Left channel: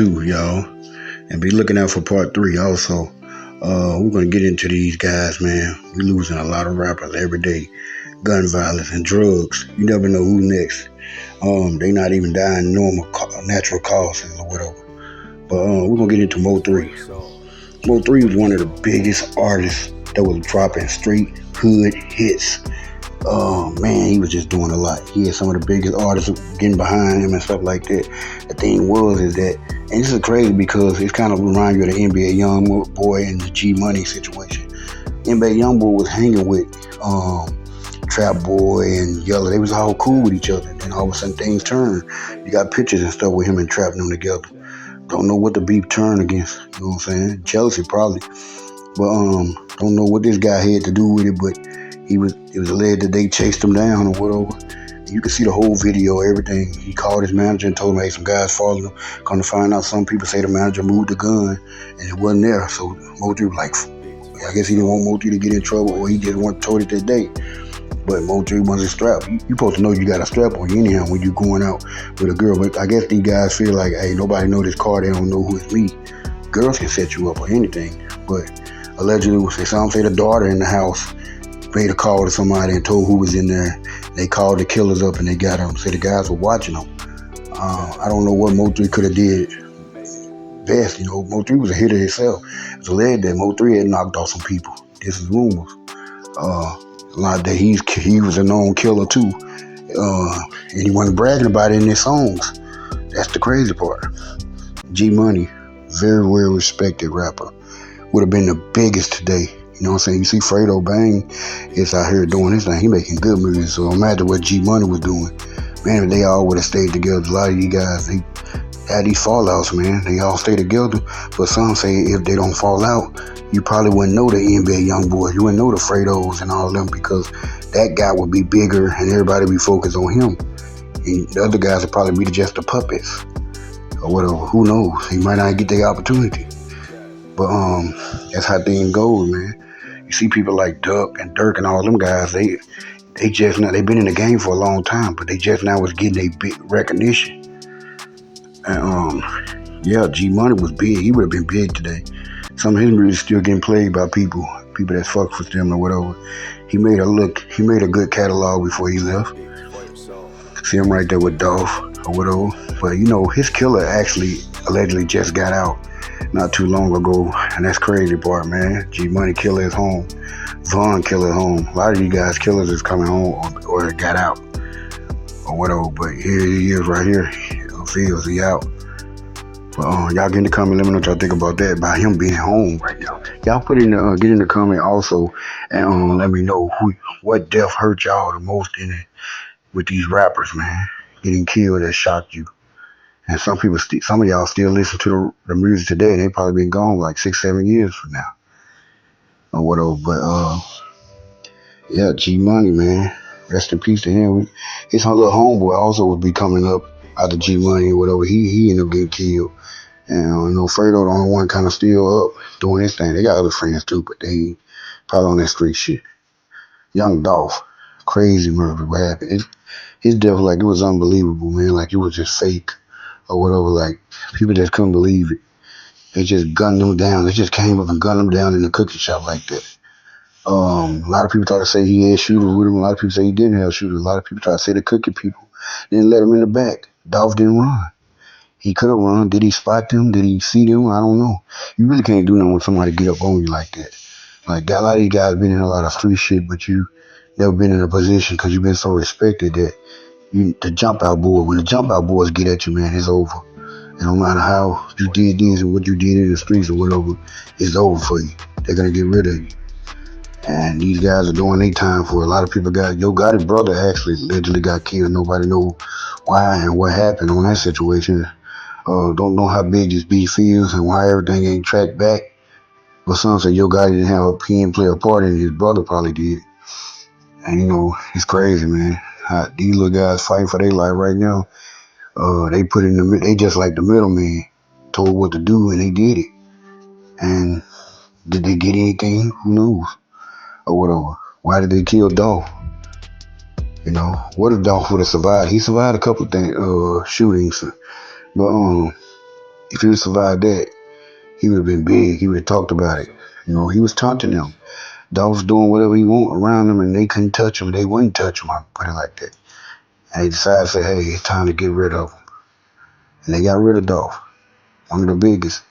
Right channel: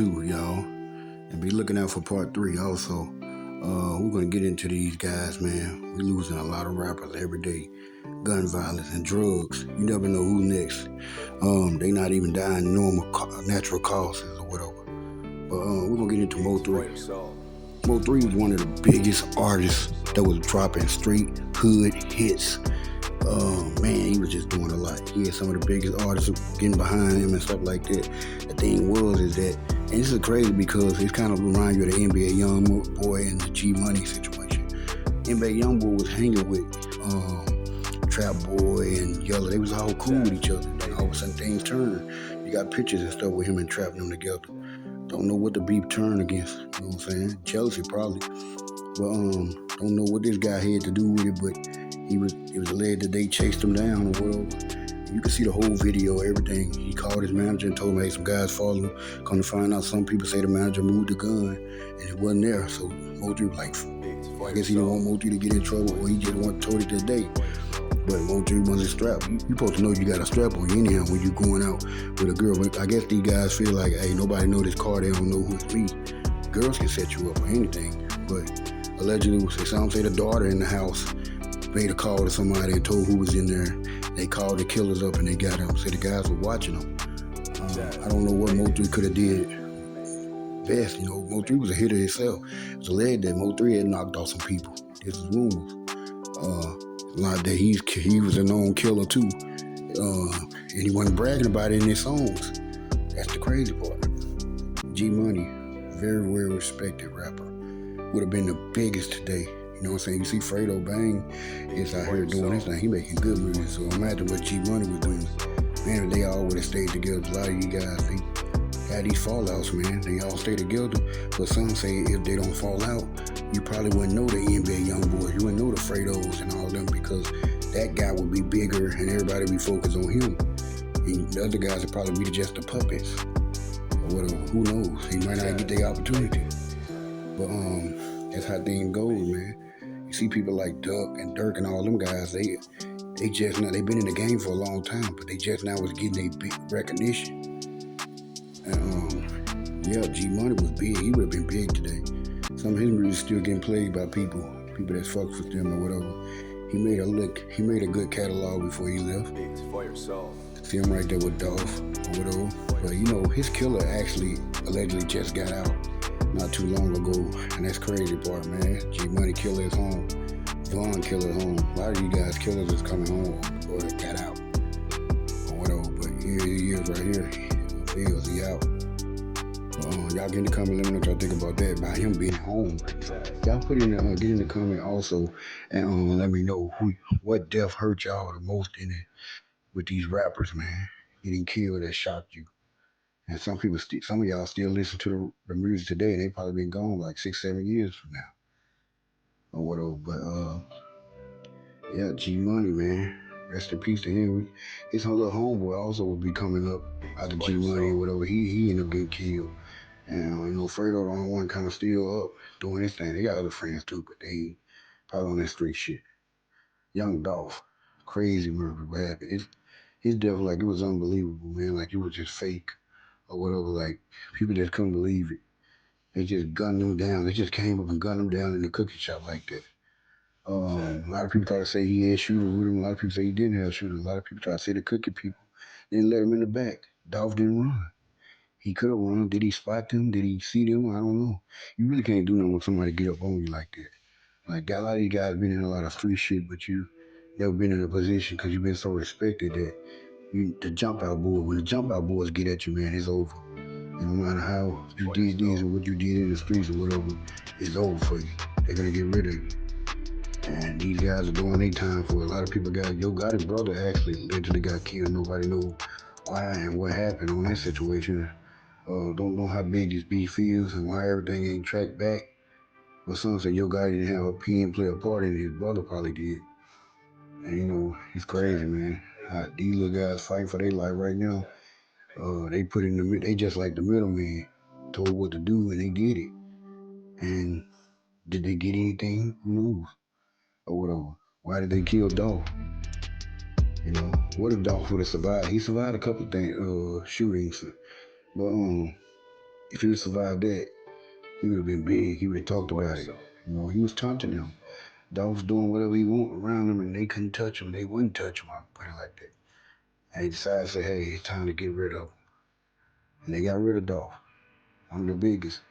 2, y'all. And be looking out for part 3 also. We're gonna get into these guys, man. We losing a lot of rappers every day. Gun violence and drugs. You never know who's next. They not even dying normal natural causes or whatever. But we're gonna get into Mo 3. Mo 3 was one of the biggest artists that was dropping straight hood hits. Man, he was just doing a lot. He had some of the biggest artists getting behind him and stuff like that. The thing is that, and this is crazy because it's kind of remind you of the NBA Youngboy and the G Money situation. NBA Youngboy was hanging with Trap Boy and Yella. They was all cool with each other. Then all of a sudden things turned. You got pictures and stuff with him and Trap them together. Don't know what the beef turned against. You know what I'm saying? Jealousy probably. But don't know what this guy had to do with it, but it was alleged that they chased him down or whatever. You can see the whole video, everything. He called his manager and told him, hey, some guys following him. Come to find out, some people say the manager moved the gun and it wasn't there. So Mo3 was like, I guess he didn't want Mo3 to get in trouble, or he just wasn't told it that day. But Mo3 wasn't strapped. You supposed to know you got a strap on you anyhow when you going out with a girl. But I guess these guys feel like, hey, nobody know this car. They don't know who it's me. Girls can set you up or anything. But allegedly, some say the daughter in the house made a call to somebody and told who was in there. They called the killers up and they got them. Say the guys were watching them. I don't know what Mo3 could have did best. You know, Mo3 was a hitter himself. It's alleged that Mo3 had knocked off some people. This is rumors. A lot that he was a known killer too. And he wasn't bragging about it in his songs. That's the crazy part. G Money, very well respected rapper. Would have been the biggest today. You know what I'm saying? You see Fredo Bang is out here doing his thing. He making good music. So imagine what G Money was doing. Man, if they all would have stayed together. A lot of you guys, they had these fallouts, man. They all stay together. But some say if they don't fall out, you probably wouldn't know the NBA Youngboy. You wouldn't know the Fredos and all of them because that guy would be bigger and everybody would be focused on him. And the other guys would probably be just the puppets or whatever. Who knows? He might not get the opportunity. But that's how things go, man. You see people like Duck and Dirk and all them guys, they just now, they've been in the game for a long time, but they just now was getting a big recognition. And yeah, G Money was big. He would have been big today. Some of his music still getting played by people that fuck with them or whatever. He made a good catalog before he left. See him right there with Dolph or whatever. But you know, his killer actually allegedly just got out not too long ago, and that's crazy part, man. G Money killer is home. Von killer home. A lot of you guys killers is coming home or got out or whatever. But here he is right here. Feels he out. But y'all get in the comment, let me know what y'all think about that, about him being home right now. Y'all put in the get in the comment also, and let me know what death hurt y'all the most in it with these rappers, man, getting killed that shocked you. And some of y'all still listen to the music today, and they probably been gone like 6-7 years from now or whatever. But yeah, G Money, man, rest in peace to him. His little homeboy also would be coming up out of G Money or whatever. He ended up getting killed. And you know, Fredo the only one kind of still up doing his thing. They got other friends too, but they probably on that street shit. Young Dolph, crazy murder. What happened? His death, like, it was unbelievable, man. Like, it was just fake or whatever. Like, people just couldn't believe it. They just gunned him down. They just came up and gunned him down in the cookie shop like that. A lot of people try to say he had shooters with him. A lot of people say he didn't have shooters. A lot of people try to say the cookie people didn't let him in the back. Dolph didn't run. He could have run. Did he spot them? Did he see them? I don't know. You really can't do nothing when somebody get up on you like that. Like, a lot of these guys been in a lot of street shit, but you never been in a position because you've been so respected that the jump out boy, when the jump out boys get at you, man, it's over. And no matter how you did this and what you did in the streets or whatever, it's over for you. They're going to get rid of you. And these guys are doing their time for it. A lot of people Yo Gotti's brother actually allegedly got killed. Nobody know why and what happened on that situation. Don't know how big this beef is and why everything ain't tracked back. But some say Yo Gotti didn't have a pen play a part in it. His brother probably did. And you know, it's crazy, man. These little guys fighting for their life right now. They just like the middleman, told what to do and they did it. And did they get anything? Who knows? Or whatever. Why did they kill Dolph? You know, what if Dolph would have survived? He survived a couple of shootings. But If he would survived that, he would have been big. He would have talked about it. You know, he was taunting them. Dolph was doing whatever he want around them, and they couldn't touch him. They wouldn't touch him. I put it like that. And they decided to say, "Hey, it's time to get rid of him." And they got rid of Dolph, one of the biggest.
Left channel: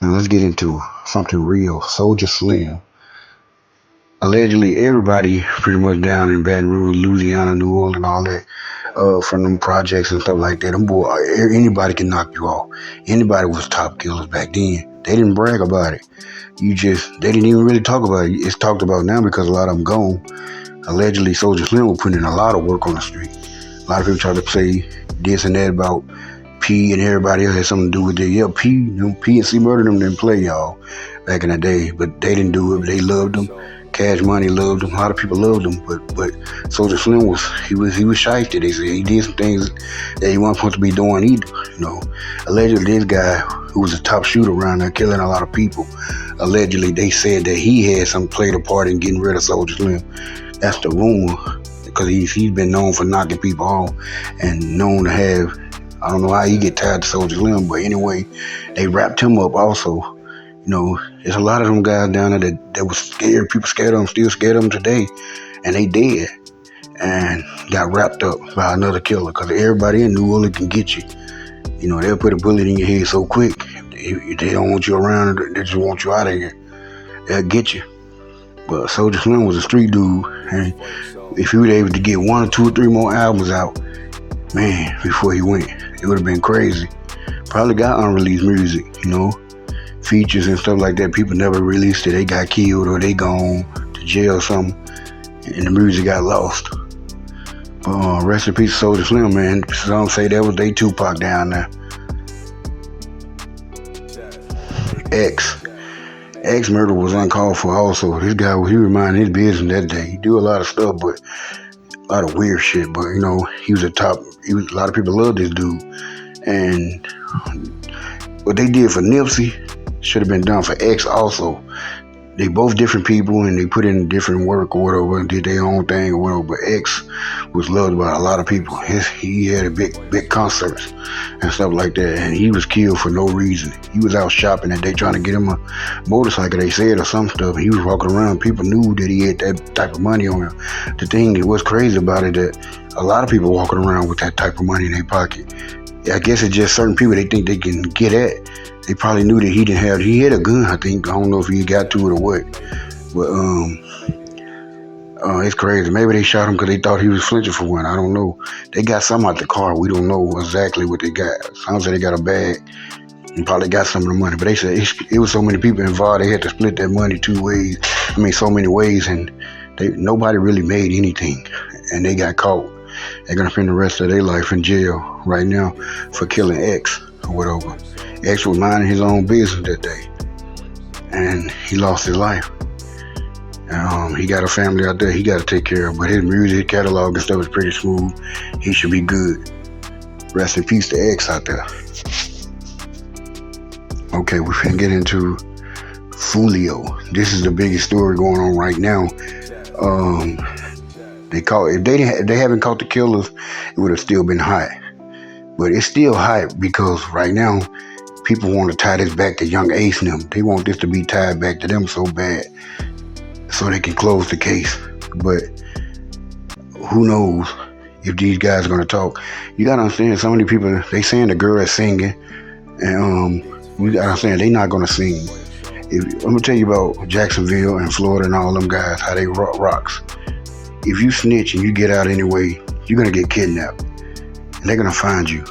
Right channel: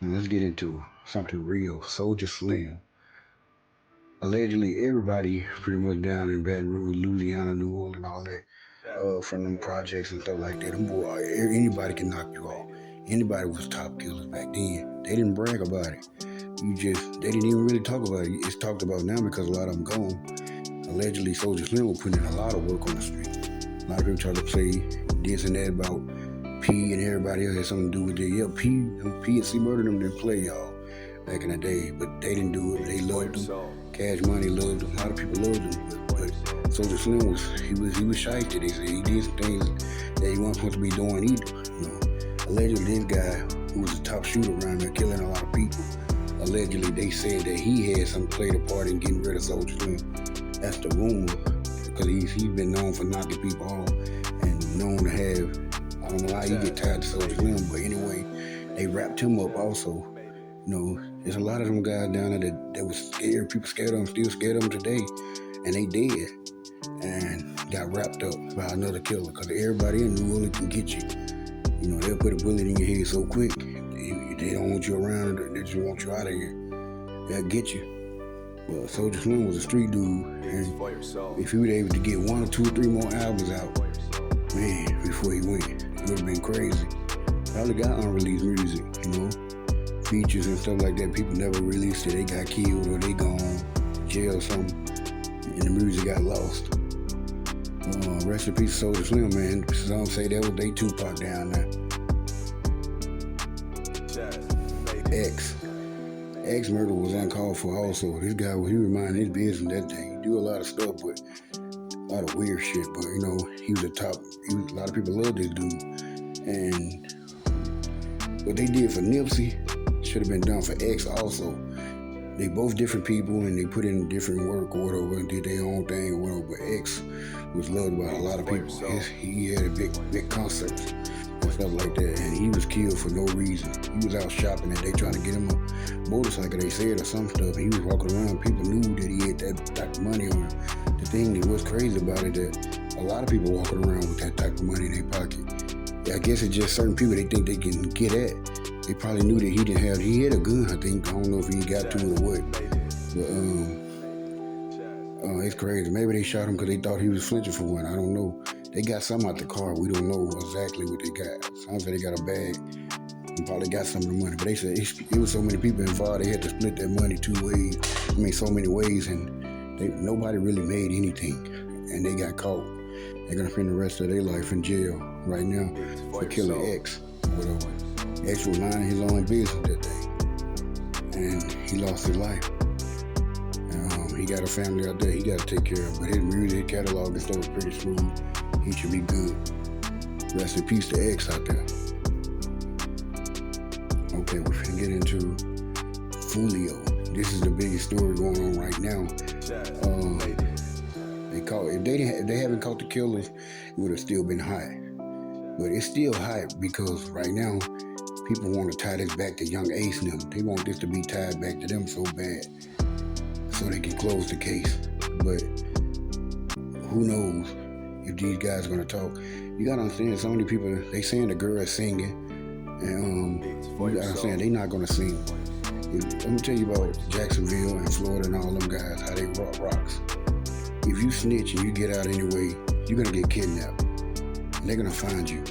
Now let's get into something real. Soulja Slim. Allegedly, everybody pretty much down in Baton Rouge, Louisiana, New Orleans, all that, from them projects and stuff like that. Them boy, anybody can knock you off. Anybody was top killers back then. They didn't brag about it. They didn't even really talk about it. It's talked about now because a lot of them gone. Allegedly, Soulja Slim was putting in a lot of work on the street. A lot of people try to say this and that about P and everybody else had something to do with it. Yeah, P and C Murder them didn't play y'all back in the day, but they didn't do it. They loved them. Cash Money loved him. A lot of people loved him, but Soulja Slim was shifty. They said he did some things that he wasn't supposed to be doing either. You know, allegedly this guy who was a top shooter around there, killing a lot of people. Allegedly they said that he had played a part in getting rid of Soulja Slim. That's the rumor, because he's been known for knocking people off and known to have. I don't know how he get tired of Soulja Slim, but anyway, they wrapped him up also. You know, there's a lot of them guys down there that was scared. People scared of them, still scared of them today. And they dead. And got wrapped up by another killer. Because everybody in New Orleans can get you. You know, they'll put a bullet in your head so quick. If they don't want you around, they just want you out of here. They'll get you. But Soulja Slim was a street dude. And if he was able to get 1 or 2 or 3 more albums out, man, before he went, it would have been crazy. Probably got unreleased music, you know. Features and stuff like that. People never released it. They got killed or they gone to jail or something, and the music got lost. Rest in peace, Soulja Slim, man. Some say that was they Tupac down there. X murder was uncalled for also. This guy, he was minding his business that day. He do a lot of stuff, but a lot of weird shit. But you know, a lot of people loved this dude, and what they did for Nipsey should have been done for X also. They both different people and they put in different work or whatever and did their own thing or whatever, but X was loved by a lot of people. He had a big concerts and stuff like that, and he was killed for no reason. He was out shopping and they trying to get him a motorcycle, they said, or some stuff. He was walking around. People knew that he had that type of money on him. The thing that was crazy about it, that a lot of people walking around with that type of money in their pocket. I guess it's just certain people they think they can get at. They probably knew that he had a gun, I think. I don't know if he got to it or what. But it's crazy. Maybe they shot him because they thought he was flinching for one. I don't know. They got something out the car. We don't know exactly what they got. Sounds like they got a bag and probably got some of the money. But they said it was so many people involved, they had to split that money 2 ways. I mean, so many ways, and nobody really made anything. And they got caught. They're going to spend the rest of their life in jail right now for killing X or whatever. X was minding his own business that day, and he lost his life. He got a family out there he got to take care of, but his music catalog and stuff is pretty smooth. He should be good. Rest in peace to X out there. Okay, we're finna get into Foolio. This is the biggest story going on right now. If they haven't caught the killers, it would have still been hot. But it's still hot because right now, people want to tie this back to Young Ace and them. They want this to be tied back to them so bad so they can close the case. But who knows if these guys are going to talk. You got to understand, so many people, they saying the girl is singing, and you got to understand, they not going to sing. I'm going to tell you about Jacksonville and Florida and all them guys, how they rocks. If you snitch and you get out anyway, you're going to get kidnapped. And they're going to find you.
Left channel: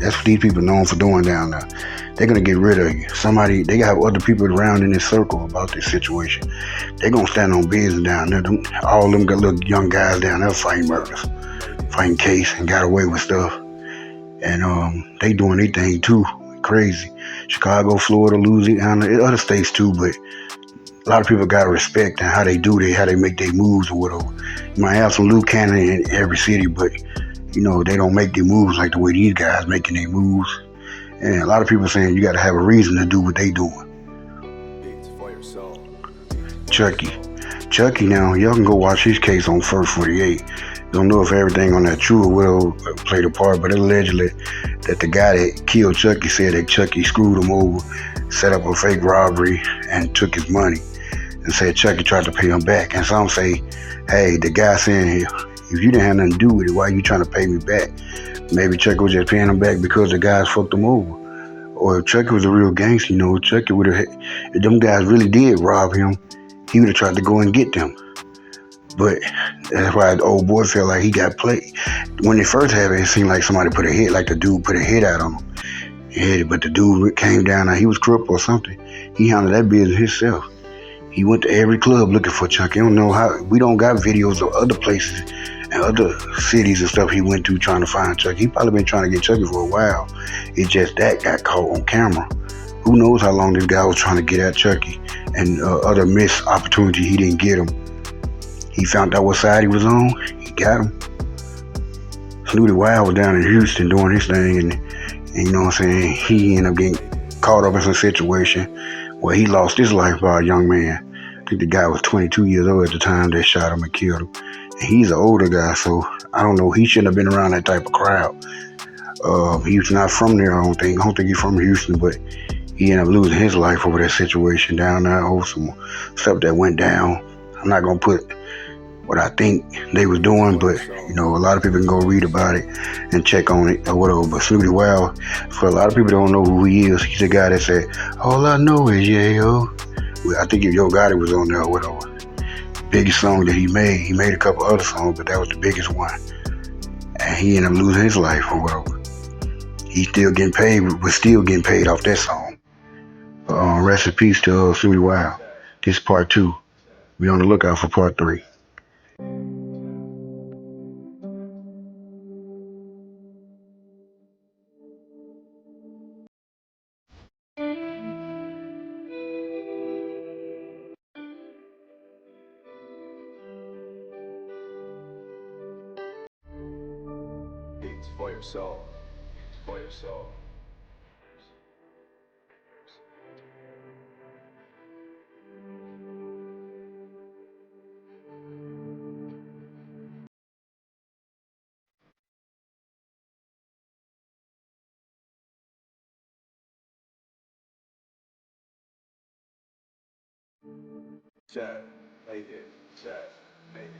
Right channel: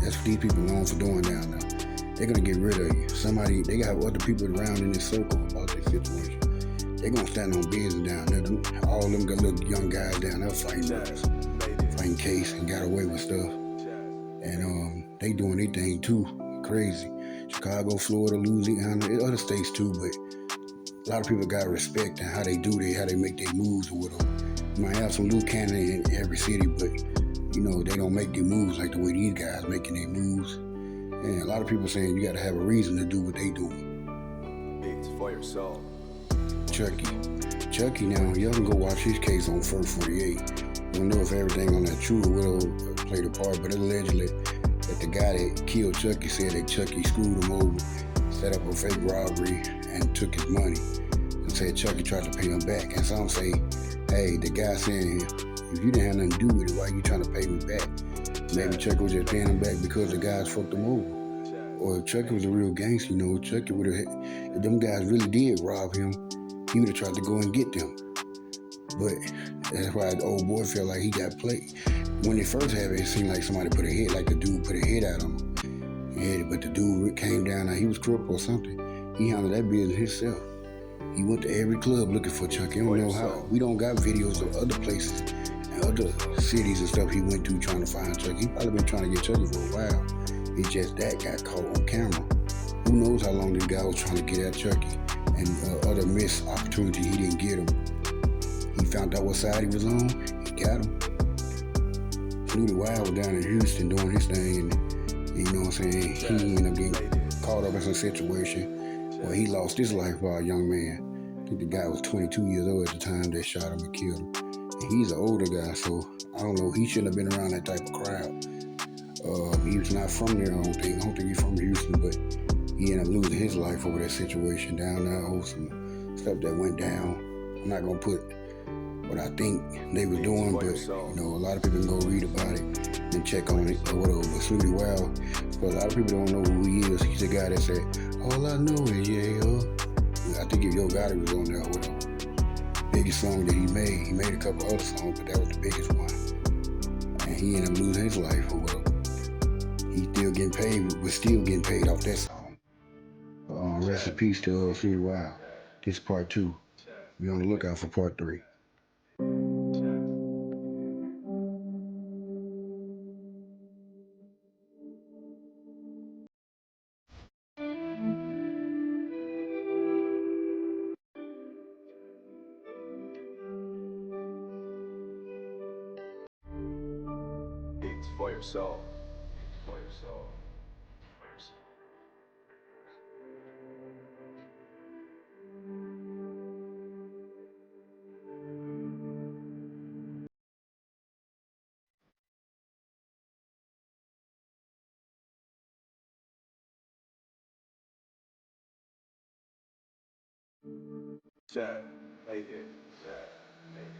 That's what these people known for doing down there. They're going to get rid of you. They got other people around in this circle about this situation. They're going to stand on business down there. All them got little young guys down there fighting murders, fighting case, and got away with stuff. And they doing their thing too. Crazy. Chicago, Florida, Louisiana, other states too, but a lot of people got respect and how they make their moves or whatever. You might have some loose cannon in every city, but you know, they don't make their moves like the way these guys making their moves. And a lot of people saying you got to have a reason to do what they doing. Chucky now, y'all can go watch his case on First 48. Don't know if everything on that true or will played a part, but allegedly that the guy that killed Chucky said that Chucky screwed him over, set up a fake robbery, and took his money, and said Chucky tried to pay him back. And some say, hey, the guy saying, if you didn't have nothing to do with it, why are you trying to pay me back? Maybe Chucky was just paying him back because the guys fucked him over. Or if Chucky was a real gangster, Chucky would have, if them guys really did rob him, he would have tried to go and get them. But that's why the old boy felt like he got played. When it first happened, it seemed like somebody put a hit, like the dude put a hit out on him. Yeah, but the dude came down, he was crippled or something. He handled that business himself. He went to every club looking for Chucky. I don't know how, we don't got videos of other places and other cities and stuff he went to trying to find Chucky. He probably been trying to get Chucky for a while. It's just that got caught on camera. Who knows how long this guy was trying to get at Chucky, and other missed opportunity he didn't get him. He found out what side he was on. He got him. Snootie Wild was down in Houston doing his thing, and you know what I'm saying, he ended up getting caught up in some situation where he lost his life by a young man. I think the guy was 22 years old at the time that shot him and killed him. And he's an older guy, so I don't know. He shouldn't have been around that type of crowd. He was not from there, I don't think. He's from Houston, but he ended up losing his life over that situation down there over some stuff that went down. I'm not gonna put what I think they was doing, but a lot of people can go read about it and check on it or whatever. But Snootie Wild, for a lot of people don't know who he is. He's the guy that said, all I know is yeah, yo. I think if Yo Gotti was on there or whatever. Biggest song that he made a couple other songs, but that was the biggest one. And he ended up losing his life or whatever. He's still getting paid, was still getting paid off that song. Rest in peace to Snootie Wild. This is part 2. Be on the lookout for part 3. It's for yourself. For yourself. Chat, make it. Chat, make it.